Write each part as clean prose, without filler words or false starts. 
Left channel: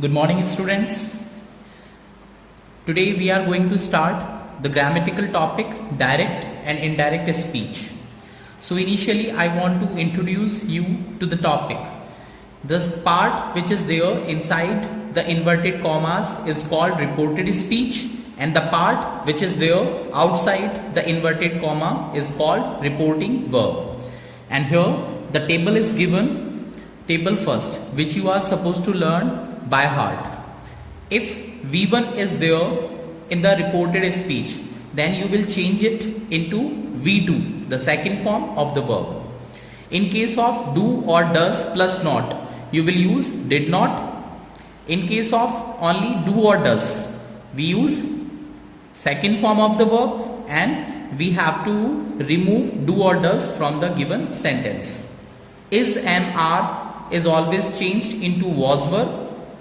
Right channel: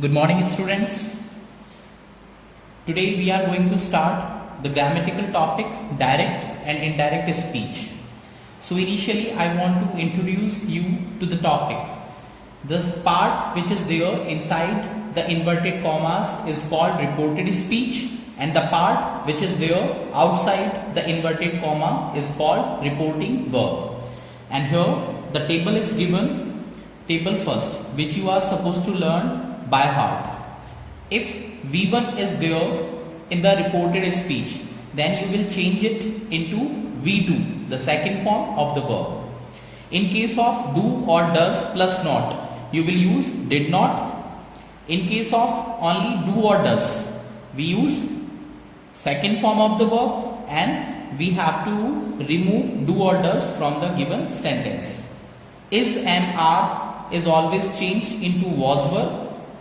Good morning, students. Today we are going to start the grammatical topic direct and indirect speech. So initially I want to introduce you to the topic. This part which is there inside the inverted commas is called reported speech, and the part which is there outside the inverted comma is called reporting verb. And here the table is given, table first, which you are supposed to learn by heart. If V1 is there in the reported speech, then you will change it into V2, the second form of the verb. In case of do or does plus not, you will use did not. In case of only do or does, we use second form of the verb, and we have to remove do or does from the given sentence. Is and are is always changed into was were,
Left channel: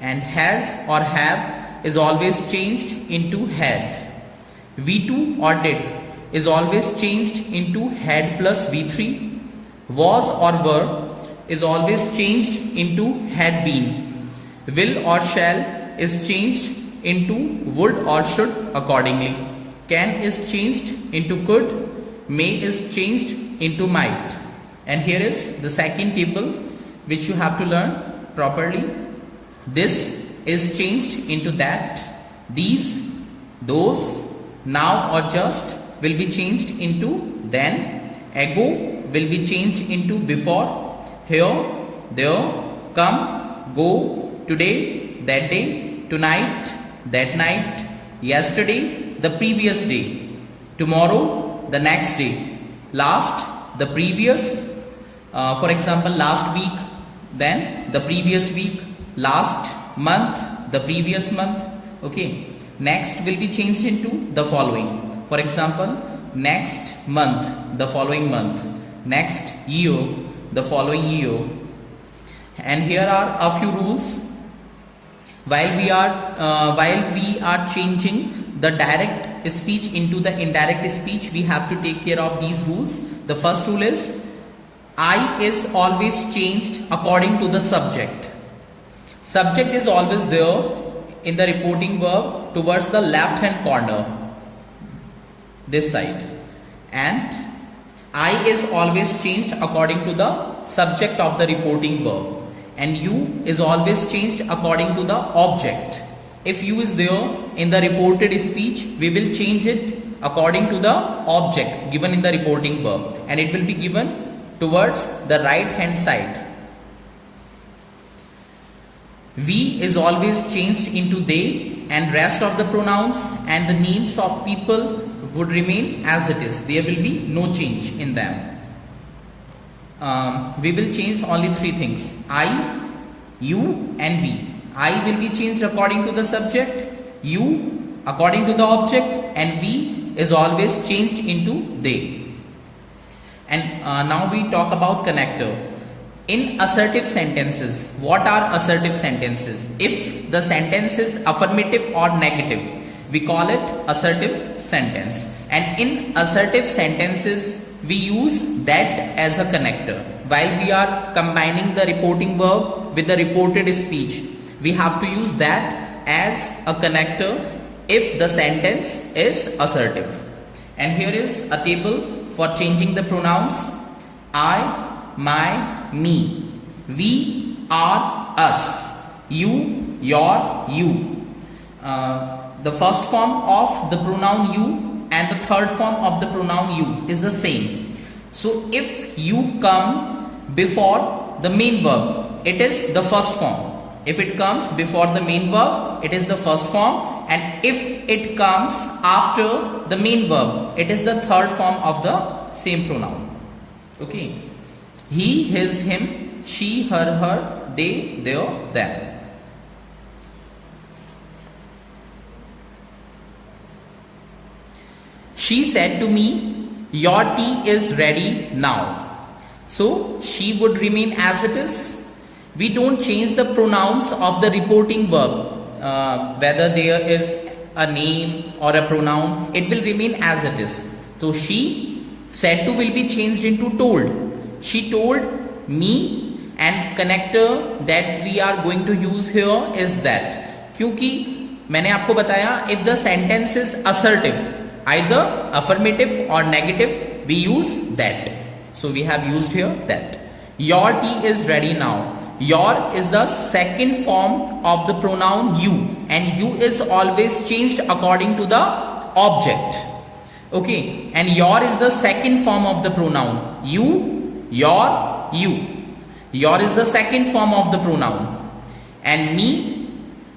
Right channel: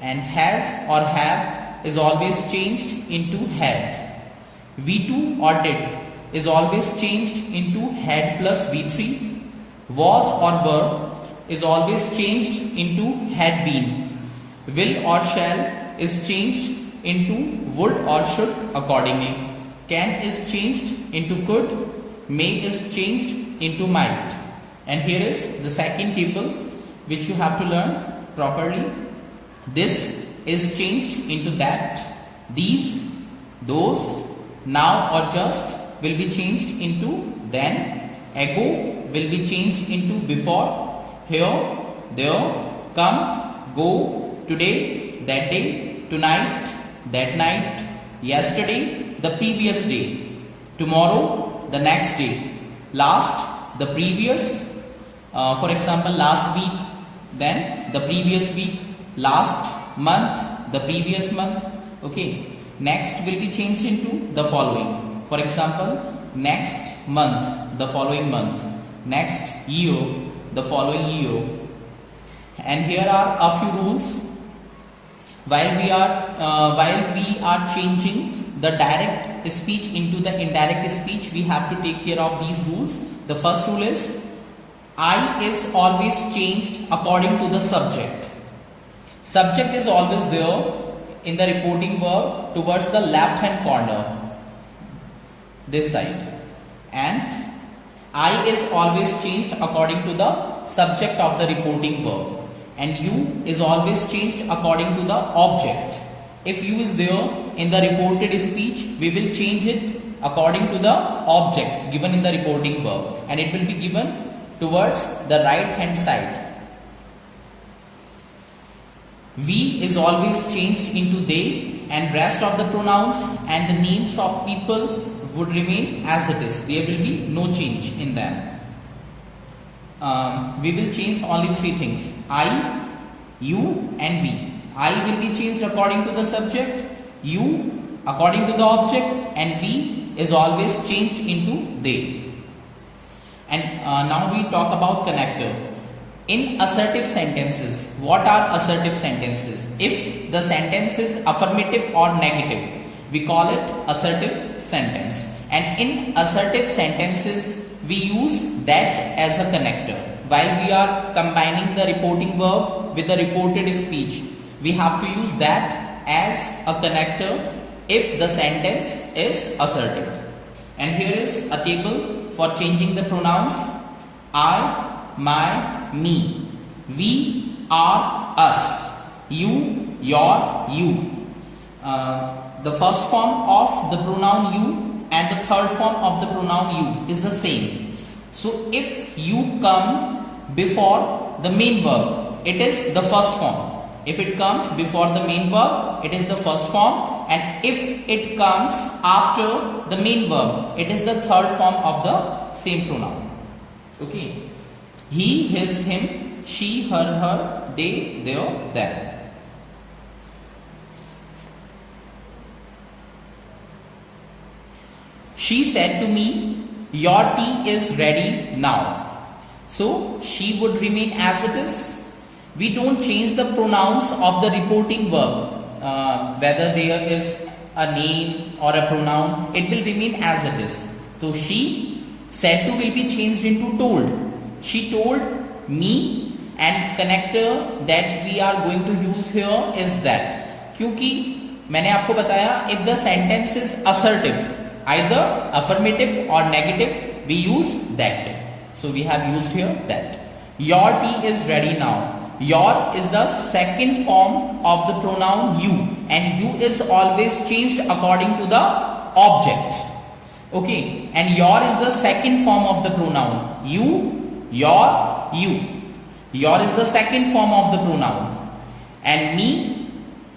and has or have is always changed into had. V2 or did is always changed into had plus V3. Was or were is always changed into had been. Will or shall is changed into would or should accordingly. Can is changed into could. May is changed into might. And here is the second table which you have to learn properly. This is changed into that. These, those, now or just will be changed into then. Ago will be changed into before. Here, there, come, go, today, that day, tonight, that night, yesterday, the previous day, tomorrow, the next day, last, the previous, for example, last week, then the previous week, last month, the previous month. Okay, next will be changed into the following. For example, next month, the following month, next year, the following year. And here are a few rules. While we are changing the direct speech into the indirect speech, we have to take care of these rules. The first rule is I is always changed according to the subject. Subject is always there in the reporting verb towards the left hand corner, this side, and I is always changed according to the subject of the reporting verb, and you is always changed according to the object. If you is there in the reported speech, we will change it according to the object given in the reporting verb, and it will be given towards the right hand side. We is always changed into they, and rest of the pronouns and the names of people would remain as it is. There will be no change in them. We will change only three things: I, you and we. I will be changed according to the subject, you according to the object, and we is always changed into they. And now we talk about connector. In assertive sentences, what are assertive sentences? If the sentence is affirmative or negative, we call it assertive sentence. And in assertive sentences, we use that as a connector. While we are combining the reporting verb with the reported speech, we have to use that as a connector if the sentence is assertive. And here is a table for changing the pronouns: I, my, me, we, are, us, you, your, you. The first form of the pronoun you and the third form of the pronoun you is the same. So if you come before the main verb, it is the first form. If it comes before the main verb, it is the first form. And if it comes after the main verb, it is the third form of the same pronoun. Okay. He, his, him, she, her, they, their, them. She said to me, your tea is ready now. So she would remain as it is. We don't change the pronouns of the reporting verb, whether there is a name or a pronoun, it will remain as it is. So she, said to will be changed into told. She told me and connector that we are going to use here is that. क्योंकि मैंने आपको बताया if the sentence is assertive, either affirmative or negative, we use that. So we have used here that. Your tea is ready now. Your is the second form of the pronoun you, and you is always changed according to the object. Okay, and your is the second form of the pronoun. You, your, you. Your is the second form of the pronoun, and me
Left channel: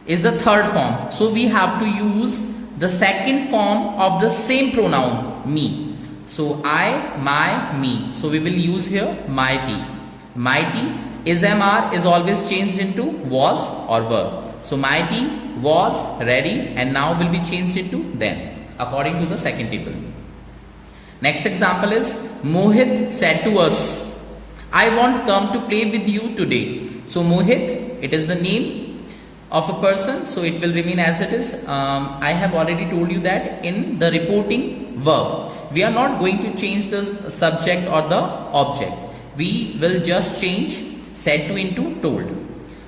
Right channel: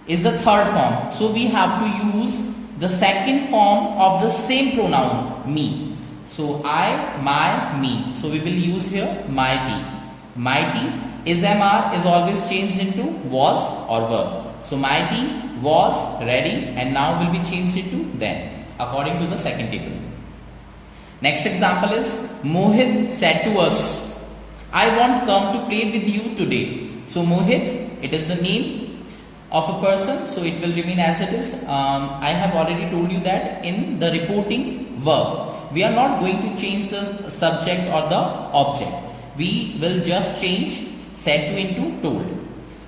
is the third form. So we have to use the second form of the same pronoun, me. So I, my, me. So we will use here my tea. My tea is MR is always changed into was or were. So my tea was ready and now will be changed into then according to the second table. Next example is Mohit said to us, I want come to play with you today. So Mohit, it is the name of a person, so it will remain as it is. I have already told you that in the reporting verb, we are not going to change the subject or the object. We will just change said to into told.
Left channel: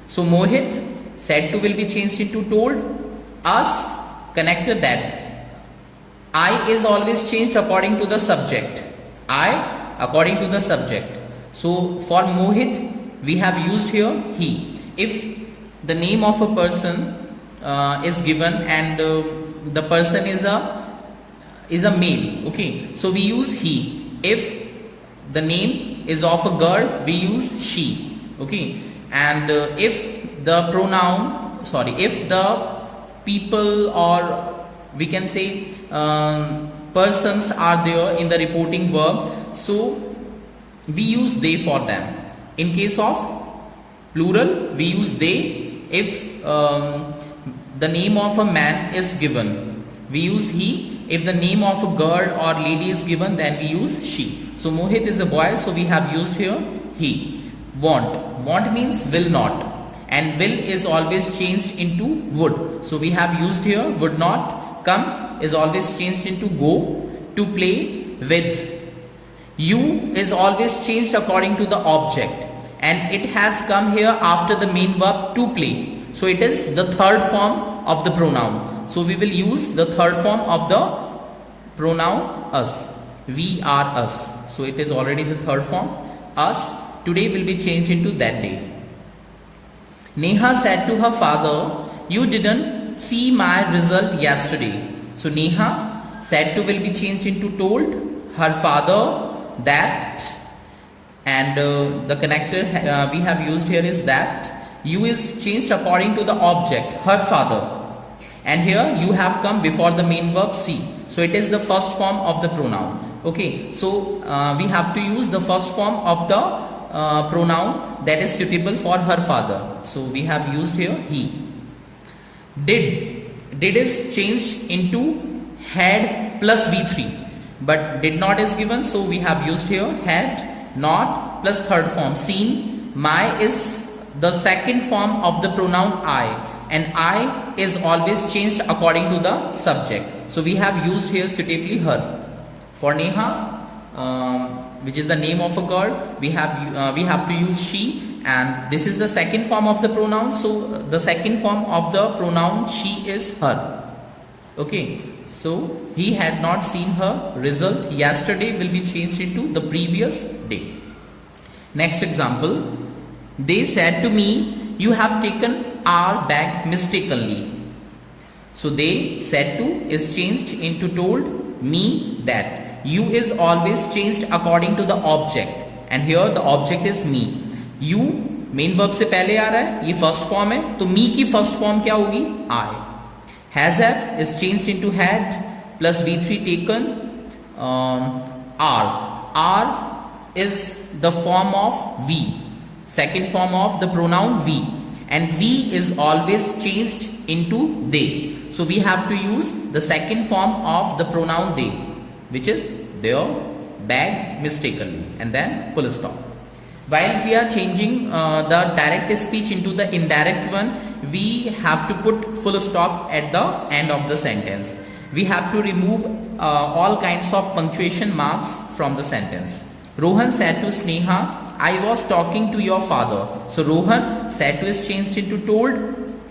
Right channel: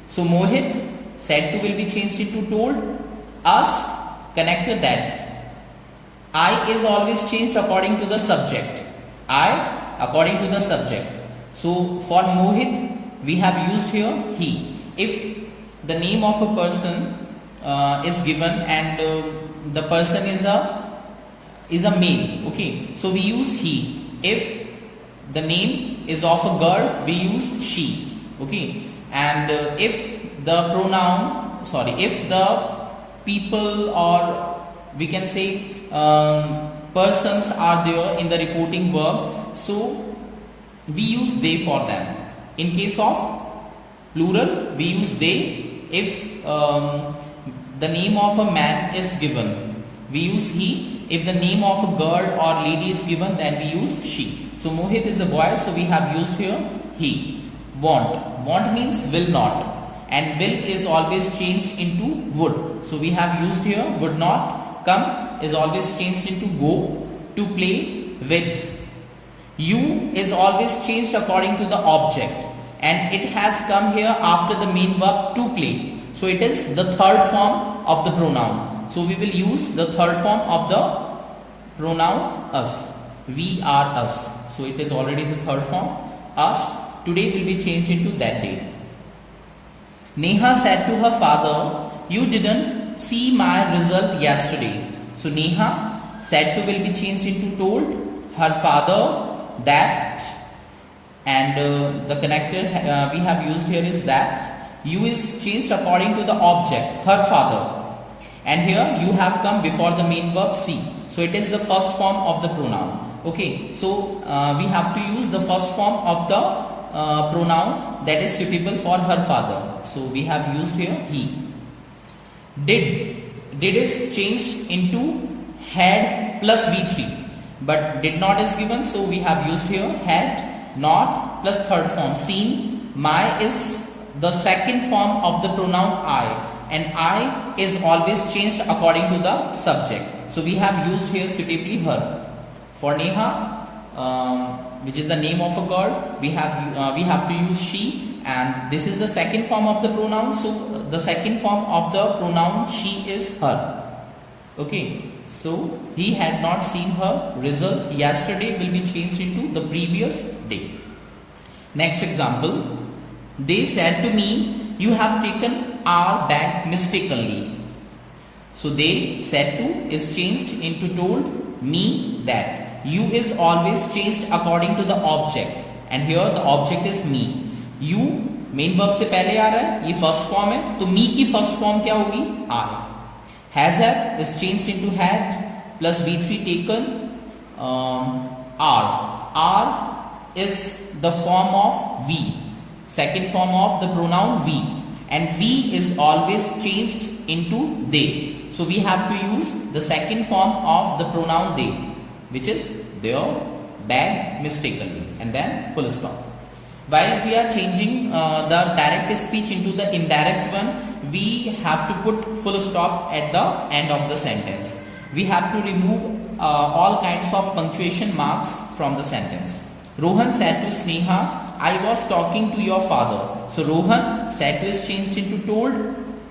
So Mohit, said to will be changed into told. Us, connected that. I is always changed according to the subject. I according to the subject. So for Mohit, we have used here he. If the name of a person is given and the person is a male, okay, so we use he. If the name is of a girl, we use she, okay, and if the pronoun, if the people or we can say persons are there in the reporting verb, so we use they for them. In case of plural, we use they. If the name of a man is given, we use he. If the name of a girl or lady is given, then we use she. So Mohit is the boy, so we have used here he. Want. Want means will not, and will is always changed into would. So we have used here would not. Come is always changed into go. To play with. You is always changed according to the object, and it has come here after the main verb to play. So it is the third form of the pronoun. So we will use the third form of the pronoun us. We are us. So it is already the third form. Us today will be changed into that day. Neha said to her father, you didn't see my result yesterday. So Neha said to will be changed into told. Her father that, and the connector we have used here is that. You is changed according to the object, her father, and here you have come before the main verb see. So it is the first form of the pronoun. Okay, so we have to use the first form of the pronoun that is suitable for her father. So we have used here he. Did is changed into had plus V3, but did not is given, so we have used here had, not plus third form. Seen. My is the second form of the pronoun I, and I is always changed according to the subject. So we have used here suitably her. For Neha, which is the name of a girl, we have to use she, and this is the second form of the pronoun. So the second form of the pronoun she is her. Okay, so he had not seen her result yesterday will be changed into the previous day. Next example. They said to me, you have taken our bag mistakenly. So they said to is changed into told. Me that. You is always changed according to the object, and here the object is me. You main verb से पहले आ रहा है, ये first form है, तो me की first form क्या होगी? I. Has have is changed into had plus V3 taken. R is the form of we. Second form of the pronoun we, and we is always changed into they. So we have to use the second form of the pronoun they, which is their bag mistakenly, and then full stop. While we are changing the direct speech into the indirect one, we have to put full stop at the end of the sentence. We have to remove all kinds of punctuation marks from the sentence. Rohan said to Sneha, I was talking to your father. So Rohan said to is changed into told,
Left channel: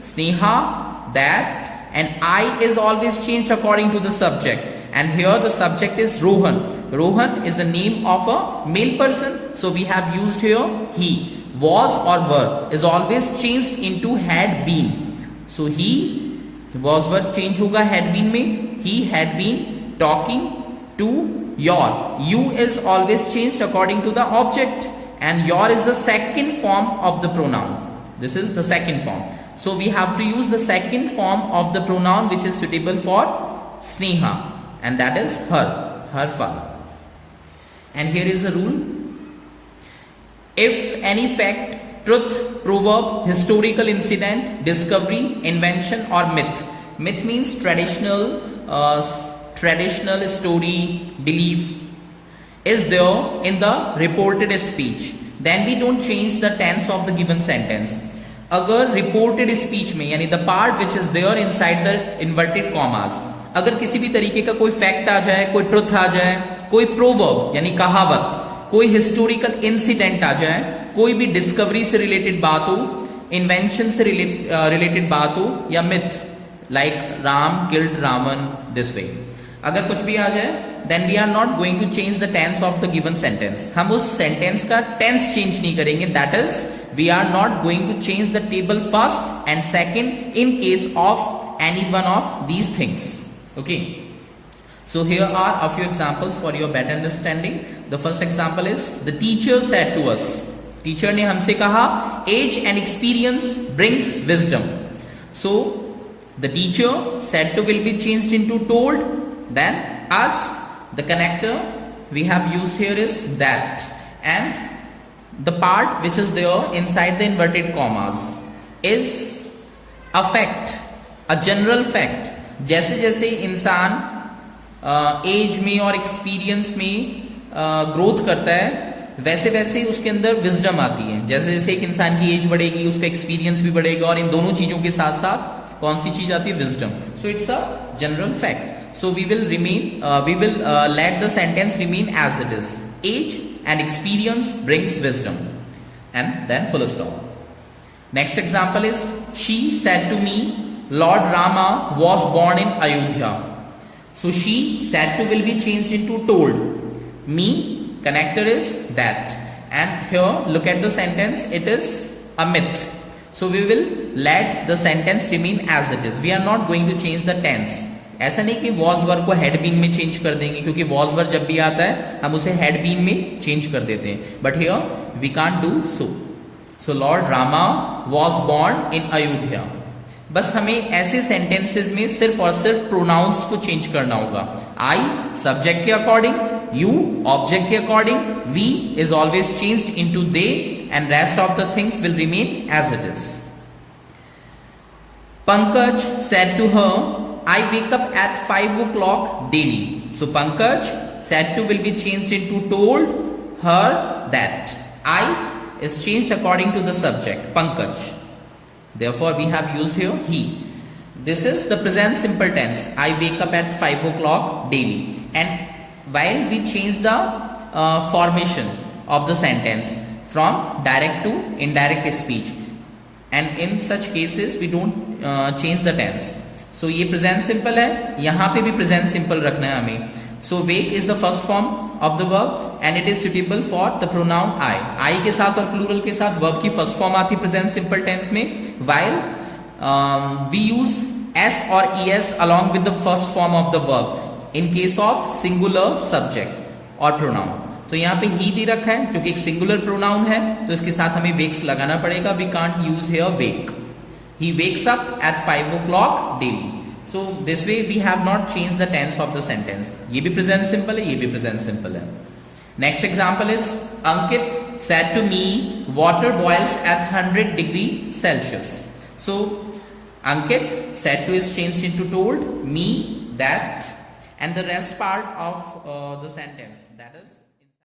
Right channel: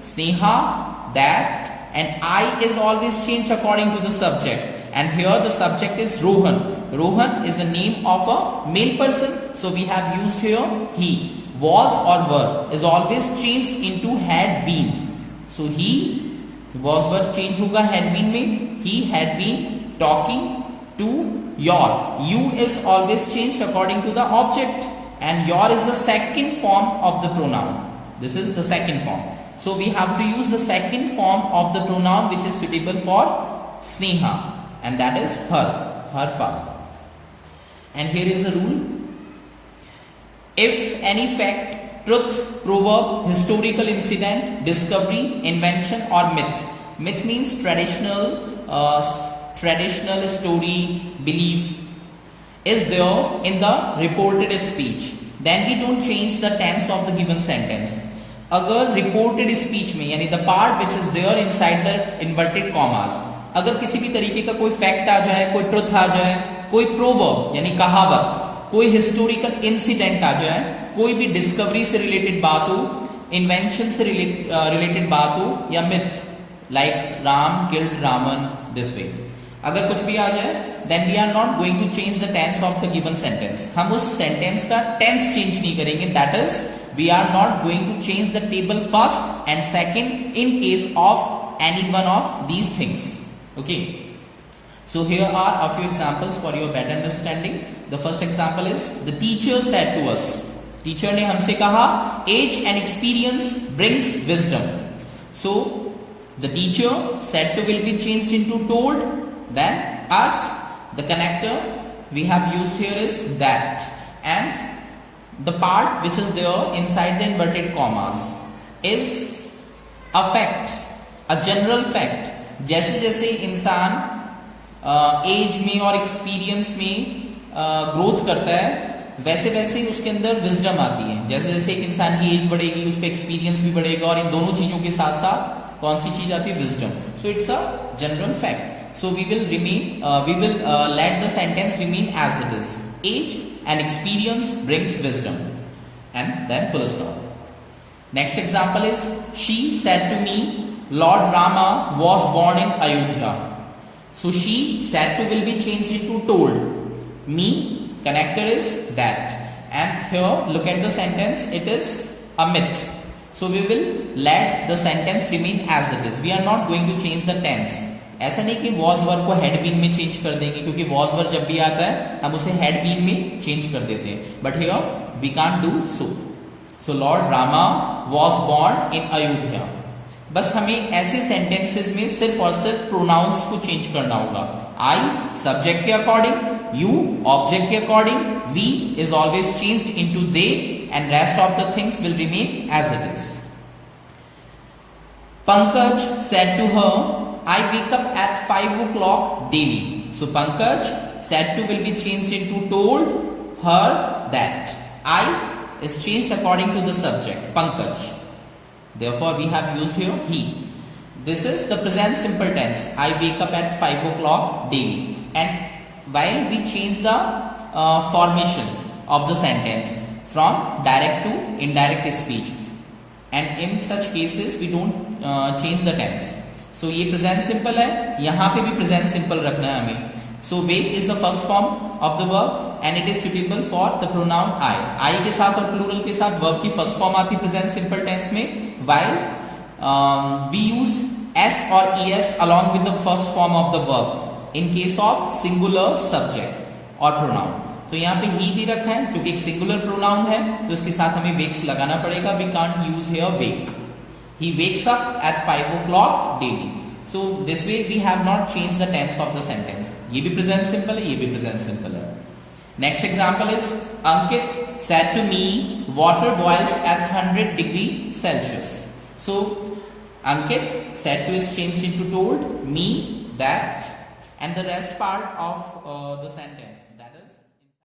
Sneha that, and I is always changed according to the subject. And here the subject is Rohan. Rohan is the name of a male person. So we have used here he. Was or were is always changed into had been. So he was were change होगा had been में. He had been talking to your. You is always changed according to the object. And your is the second form of the pronoun. This is the second form. So we have to use the second form of the pronoun which is suitable for Sneha. And that is her father. And here is a rule. If any fact, truth, proverb, historical incident, discovery, invention or myth. Myth means traditional story, belief is there in the reported speech. Then we don't change the tense of the given sentence. अगर reported speech में यानी the part which is there inside the inverted commas, अगर किसी भी तरीके का कोई fact आ जाए, कोई ट्रुथ आ जाए, कोई प्रोवर्ब यानी कहावत, कोई हिस्टोरिकल इंसिडेंट आ जाए, कोई भी डिस्कवरी से रिलेटेड बात हो, इन्वेंशन से रिलेटेड बात हो, या myth like Ram killed Ravan this way, अगर कुछ भी आ जाए, then we are not going to change the tense of the given sentence. हम उस सेंटेंस का टेंस चेंज नहीं करेंगे. That is we are not going to change the table first and second in case of any one of these things. Okay. So here are a few examples for your better understanding. The first example is the teacher said to us. Teacher ने हमसे कहा age and experience brings wisdom. So the teacher said to will be changed into told. Then us, the connector we have used here is that, and the part which is there inside the inverted commas is a fact, a general fact. जैसे जैसे इंसान as में और experience में growth करता है, वैसे वैसे उसके अंदर विजडम आती है. जैसे जैसे एक इंसान की एज बढ़ेगी, उसका एक्सपीरियंस भी बढ़ेगा, और इन दोनों चीजों के साथ साथ कौन सी चीज आती है? Wisdom. So it's a general fact. So we will let the sentence remain as it is. Age and experience brings wisdom, and then full stop. Next example is she said to me Lord Rama was born in Ayodhya. So she said to will be changed into told. Me, connector is that. And here look at the sentence, it is a myth. So we will let the sentence remain as it is. We are not going to change the tense. ऐसा नहीं कि was verb को had been में change कर देंगे, क्योंकि was verb जब भी आता है हम उसे had been में change कर देते हैं. But here we can't do so. So Lord Rama was born in Ayodhya. बस हमें ऐसे सेंटेंसेस में सिर्फ और सिर्फ प्रोनाउंस को चेंज करना होगा. आई सब्जेक्ट के अकॉर्डिंग, यू ऑब्जेक्ट के अकॉर्डिंग, we is always changed into they, and rest of the things will remain as it is. Pankaj said to her I wake up at 5 o'clock daily. So Pankaj said to will be changed into told her that. I is changed according to the subject Pankaj. Therefore, we have used here he. This is the present simple tense. I wake up at 5 o'clock daily. And while we change the formation of the sentence from direct to indirect speech, and in such cases we don't change the tense. So ये present simple है, यहाँ पे भी present simple रखना है हमें. So wake is the first form of the verb and it is suitable for the pronoun I. I के साथ और plural के साथ verb की first form आती present simple tense में, while we use s or es along with the first form of the verb in case of singular subject or pronoun. तो यहाँ पे he दे रखा है जो कि एक singular pronoun है, तो इसके साथ हमें wakes लगाना पड़ेगा. We can't use here wake. He wakes up at 5 o'clock daily. So this way we have not changed the tense of the sentence. ये भी present simple है, ये भी present simple है. Next example is Ankit said to me, water boils at 100 degrees Celsius. So Ankit said to is changed into told, me, that, and the rest part of the sentence.